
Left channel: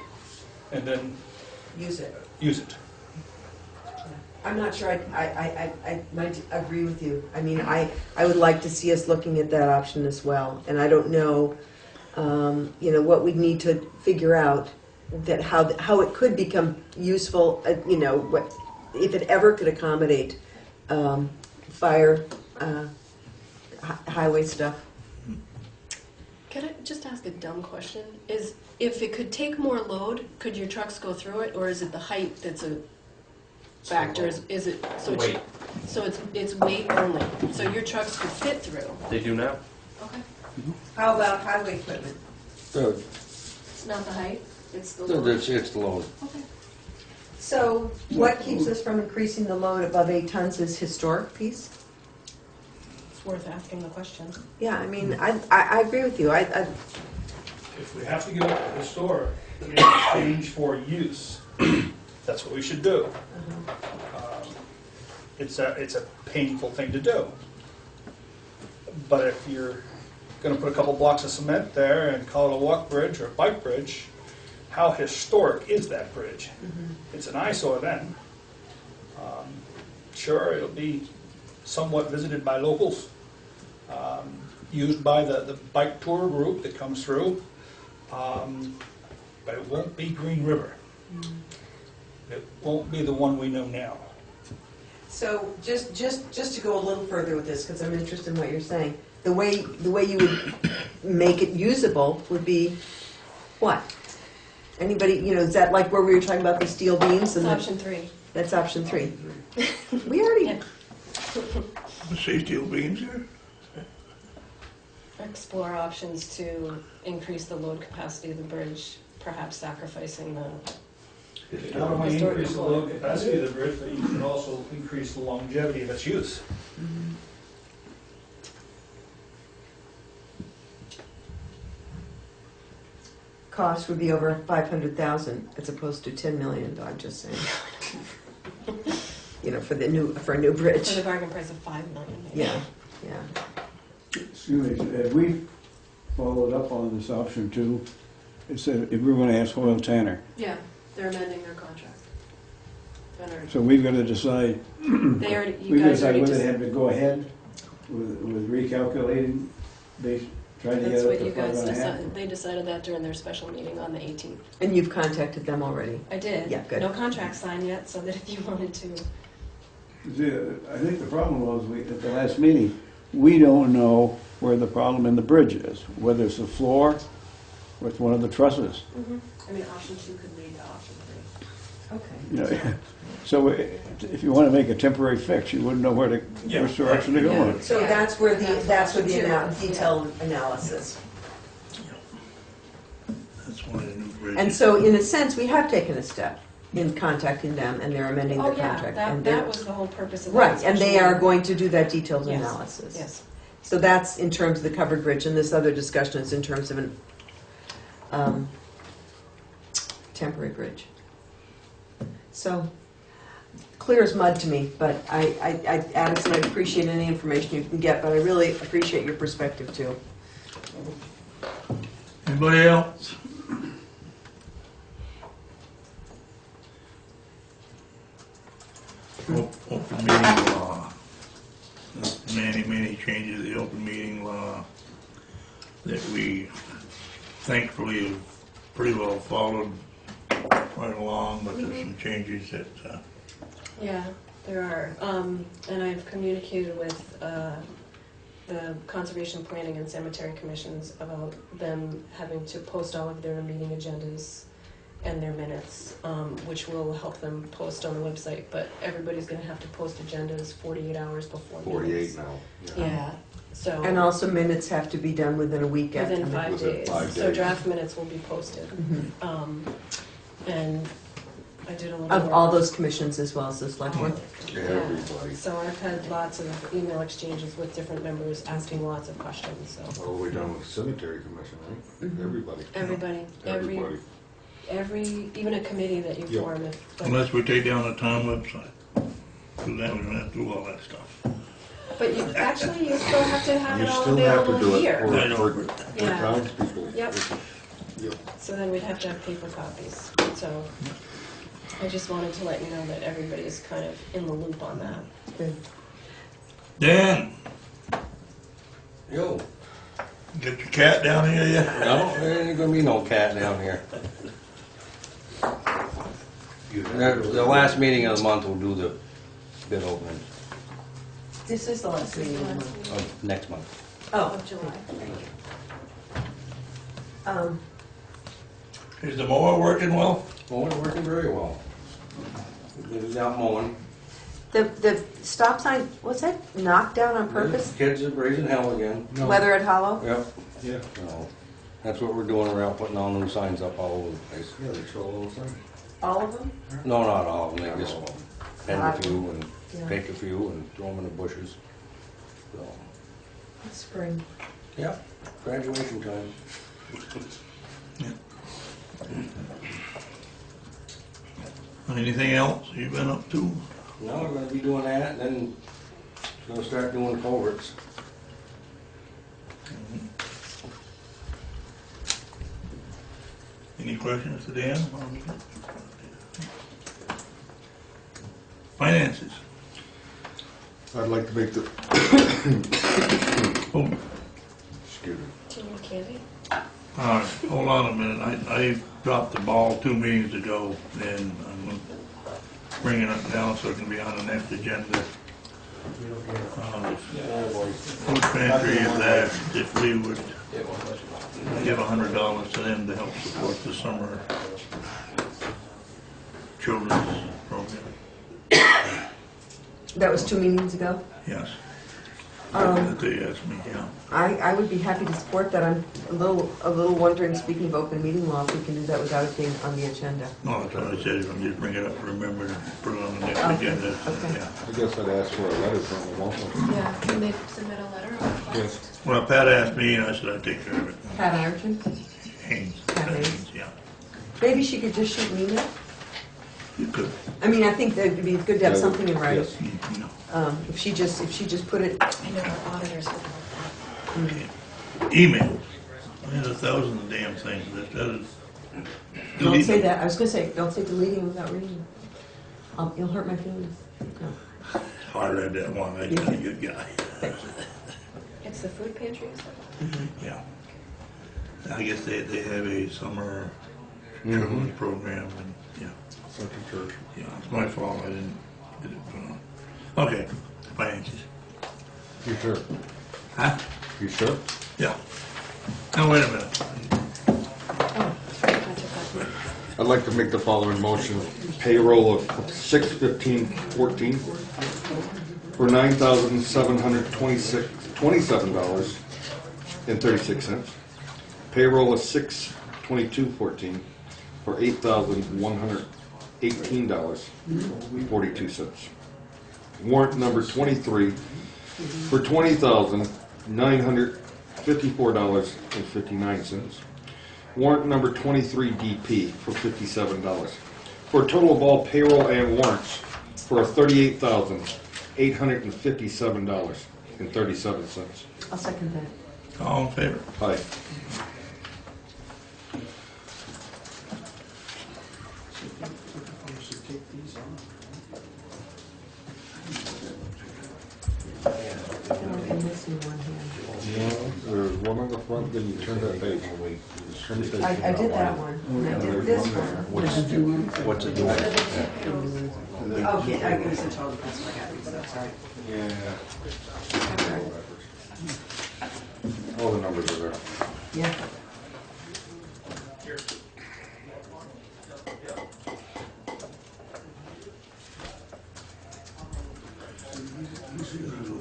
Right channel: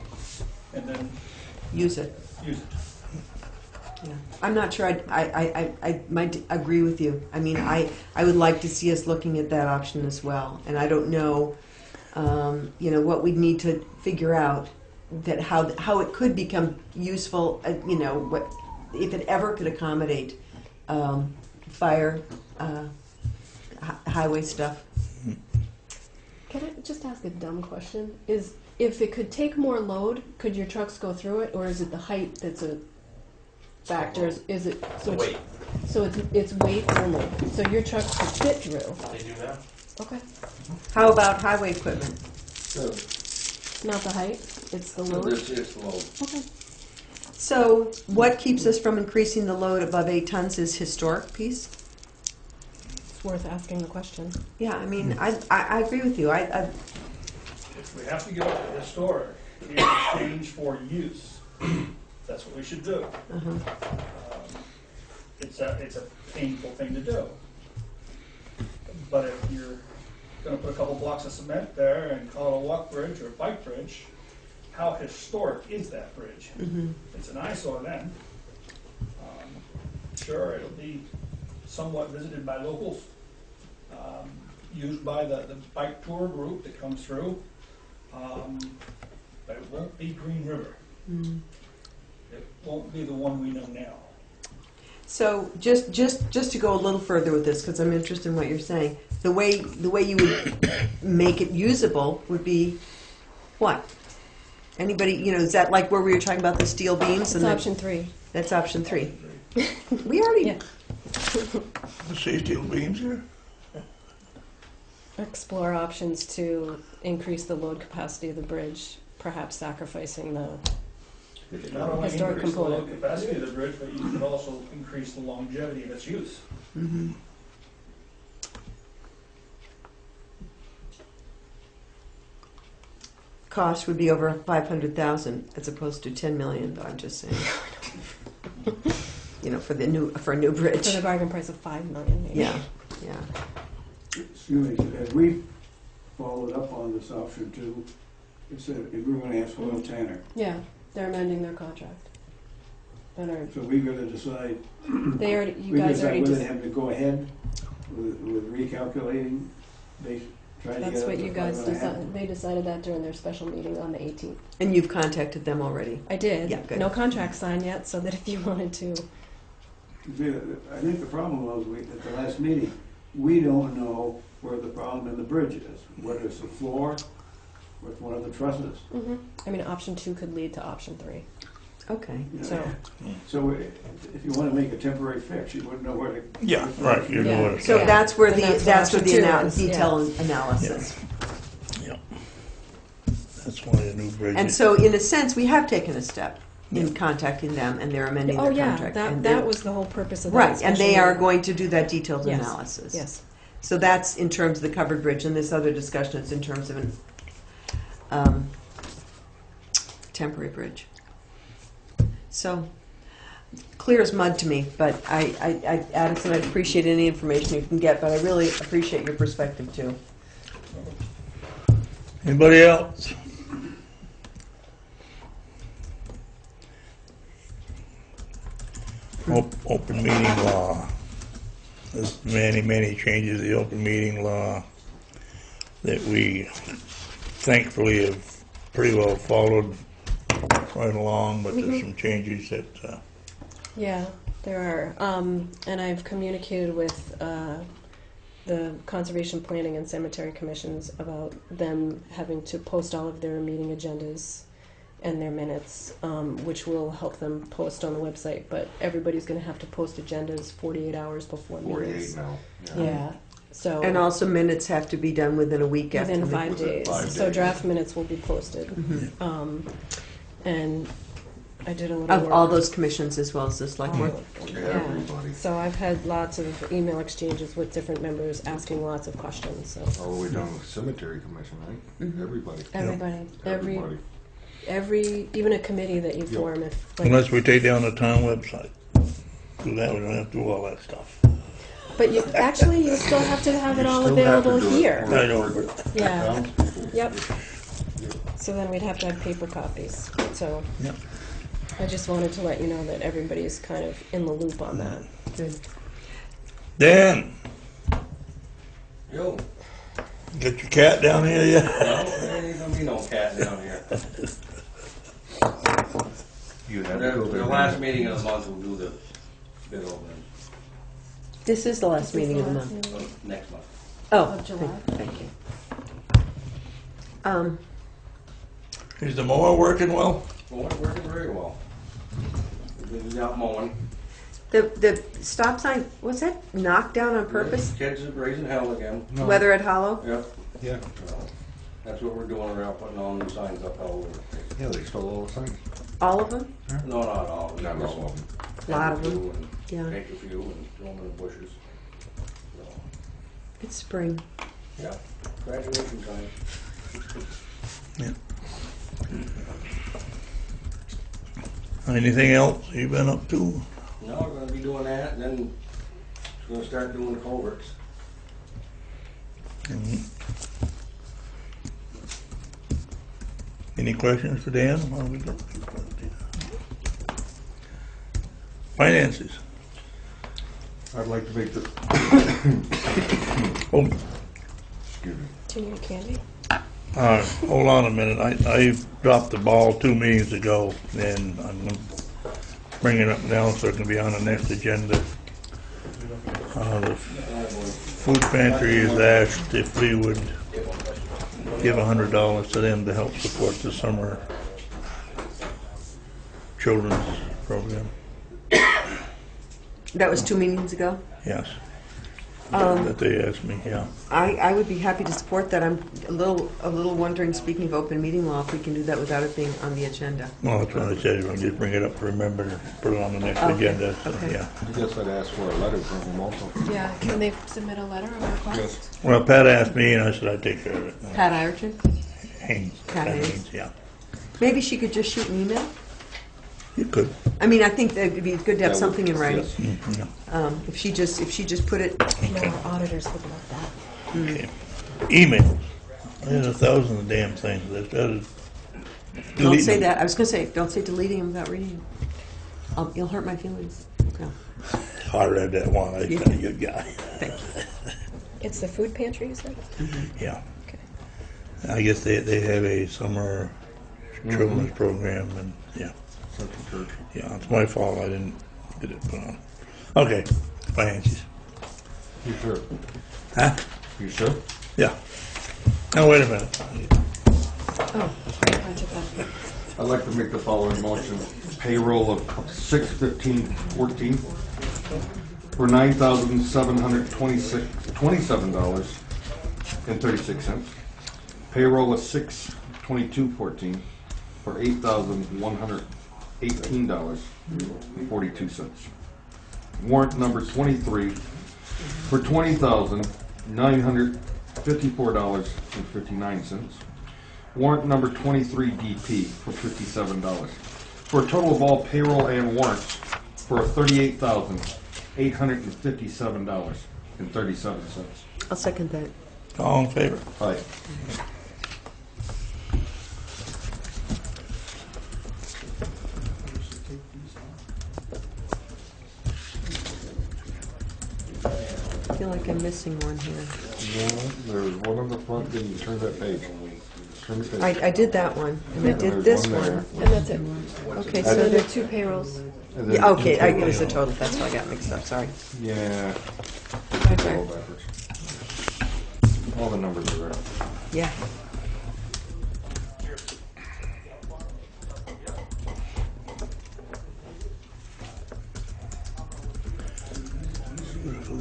and then Use it. use it. Yeah. I'm not sure I might agree with you. I mean, I would like to see us looking at that option as well. And I don't know, you know, what we need to figure out that how it could become useful, you know, what, if it ever could accommodate fire, highway stuff. Can I just ask a dumb question? If it could take more load, could your trucks go through it, or is it the height that's a factor? Is it so? Weight. It's weight only. So your trucks could fit through. They do now. Okay. How about highway equipment? Not the height. It's the So load. it's the load. Okay. So what keeps us from increasing the load above 8 tons is historic piece? It's worth asking the question. Yeah, I mean, I agree with you. I If we have to give up the historic in exchange for use, that's what we should do. It's a painful thing to do. But if you're gonna put a couple blocks of cement there and call it a walk bridge or a bike bridge, how historic is that bridge? It's an eyesore then. Sure, it'll be somewhat visited by locals, used by the bike tour group that comes through, but it won't be Green River. It won't be the one we know now. So just to go a little further with this, because I'm interested in what you're saying, the way you would make it usable would be what? Anybody, is that like where we were talking about the steel beams? It's And option 3. that's option 3. We already, Yeah. See steel beams here? Explore options to increase the load capacity of the bridge, perhaps sacrificing the. Not only Historic increase the component. load capacity of the bridge, but you can also increase the longevity of its use. cost would be over 500,000 as opposed to 10 million, I'm just saying. For a new For bridge. the bargain price of $5 million. Maybe. Yeah, yeah. Excuse me, have we followed up on this option 2? It said if we're gonna ask Hoyle Tanner, Yeah, they're amending their contract. so we've gotta decide, They already, you we've gotta guys decide already whether just. they have to go ahead with recalculating, they try to get That's up what to you guys 5.5. decided. They decided that during their special meeting on the 18th. And you've contacted them already? I did. Yeah, good. No contract signed yet, so that if you wanted to. See, I think the problem was, at the last meeting, we don't know where the problem in the bridge is, whether it's the floor or it's one of the trusses. I mean, option 2 could lead to option 3. Okay. You know, So- So if you want to make a temporary fix, you wouldn't know where to, Yeah, which direction to right, go. yeah. So Yeah. that's where And the, that's that's where option the two ana- is, detailed analysis. That's one of the new bridges. And so in a sense, we have taken a step in contacting them and they're amending Oh their yeah, contract. that And that they- was the whole purpose of that. Right, and they special are meeting. going to do that detailed Yes. analysis. Yes. So that's in terms of the covered bridge, and this other discussion is in terms of an temporary bridge. So, clear as mud to me, but Addison, I appreciate any information you can get, but I really appreciate your perspective too. Anybody else? Open meeting law. There's many changes to the open meeting law that we thankfully have pretty well followed right along, but there's some changes that, Yeah, there are. And I've communicated with the Conservation Planning and Cemetery Commissions about them having to post all of their meeting agendas and their minutes, which will help them post on the website. But everybody's going to have to post agendas 48 hours before 48 meetings. now. Yeah. So And also minutes have to be done within a week after. within the- 5 Within days. 5 So days. draft minutes will be posted. Mhm. And I did a little Of work. all those commissions as well as the select board. Everybody, So I've had lots of email exchanges with different members asking lots of questions, so. all the way down to cemetery commission, right? Mhm. Everybody. Everybody, Everybody. even a committee that you Yeah. form, if, like, unless we take down the town website. Do that, we don't have to do all that stuff. but you, actually, you still have to have it You all still have to available do it here. for- I know. for Yeah. townspeople. Yep, Yep. so then we'd have to have paper copies, so. Yep. I just wanted to let you know that everybody's kind of in the loop on that. Dan, Yo, get your cat down here yet? no, there ain't gonna be no cat down here. You have The to go the there. last meeting of the month we'll do the bid opening, This is the last meeting of the month. next month. Oh, Of July. thank you. Is the mower working well? Well, it's working very well. It's out mowing. The stop sign, was it knocked down on purpose? Kids are raising hell again. Weather at Hollow? Yep. Yeah. So, that's what we're doing around, putting all new signs up all over the place. Yeah, they stole all the time. All of them? No, not all, yeah, just all. A lot a of few them. and Yeah. take a few and throw them in the bushes. So, It's spring. yeah, graduation time. Anything else you've been up to? Now we're gonna be doing that, and then gonna start doing culverts. Mhm. Any questions for Dan? Finances. I'd like to make the, Oh, excuse me. Tin your candy. hold on a minute. I dropped the ball 2 meetings ago, and I'm gonna bring it up now so it can be on the next agenda. The food pantry has asked if we would give $100 to them to help support the summer children's program. That was 2 meetings ago. Yes, Um, that they asked me, yeah. I would be happy to support that. I'm a little wondering, speaking of open meeting law, if we can do that without it being on the agenda. No, that's what I said, we'll just bring it up, remember to put it on the next agenda, okay. yeah. I guess I'd ask for a letter from them also. Yeah, can they submit a letter of request? Well, Pat asked me, and I said I'd take care of it. Pat Ireton? Haynes. Pat Haynes. Yeah. Maybe she could just shoot an email? You could. I mean, I think that it'd be good to have something in writing. Yes. Yeah. If she just put it, You know, our auditors would love that. Okay. Emails. There's 1,000 damn things. That is. don't say that. I was gonna say, don't say deleting them without reading them. You'll hurt my feelings. No. I read that one. I'm a good guy. It's the food pantry, you said? Yeah. I guess they have a summer children's program, and yeah. Yeah, it's my fault. I didn't get it put on. Okay. Finances. You sure? Huh? You sure? Yeah. Now wait a minute. I'd like to make the following motion. Payroll of $6/15/14 for $9,727.36. Payroll of $6/22/14 for $8,118.42. Warrant number 23 for $20,954.59. Warrant number 23DP for $57. For a total of all payroll and warrants for $38,857.37. I'll second that. All in favor? Aye. I feel like I'm missing one here. There's one on the front, then you turn that page. I did that one. And I did this one. Okay, so The the, two payrolls. yeah, okay, I it was the total. That's why I got mixed up. Sorry. Yeah. Okay. All the numbers are there. Yeah.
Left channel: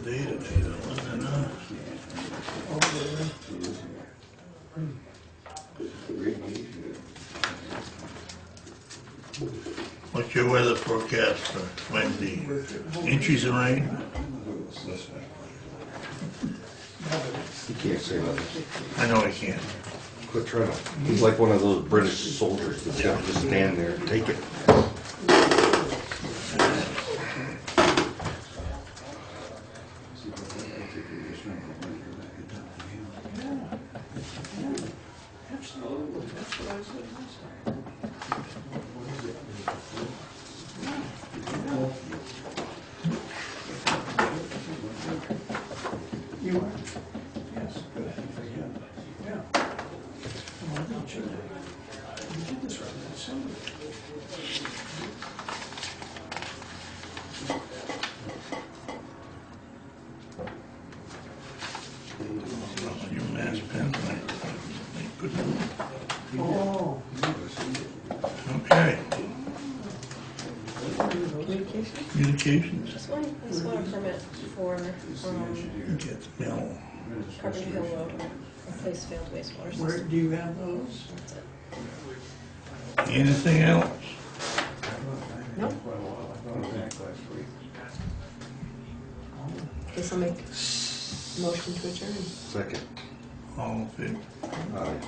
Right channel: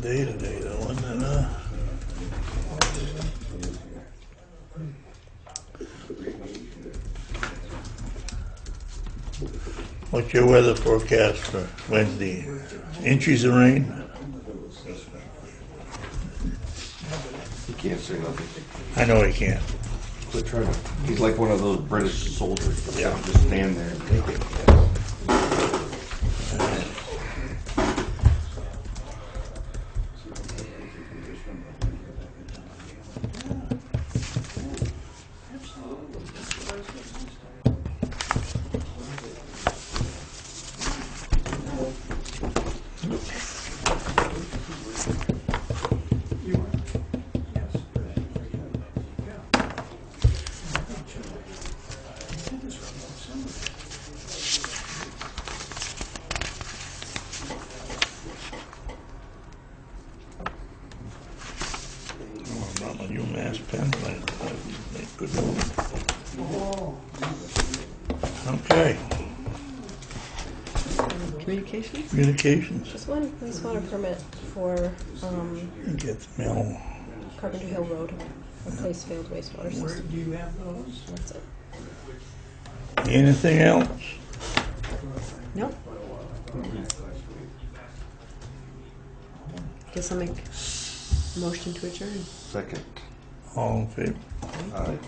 Day to day, though, isn't it? What's your weather forecast for Wednesday? Inches of rain? You can't say nothing. I know he can't. Quit trying to. He's like one of those British soldiers that have to just stand there and take it. UMass Penn. Good morning. Okay. Communication? Communications. Just one wastewater permit for Get the mail. Carpenter Hill Road, replace failed wastewater Where system. do you have those? That's it. Anything else? Nope. Guess I'll make motion to adjourn. Second. All in favor? Aye.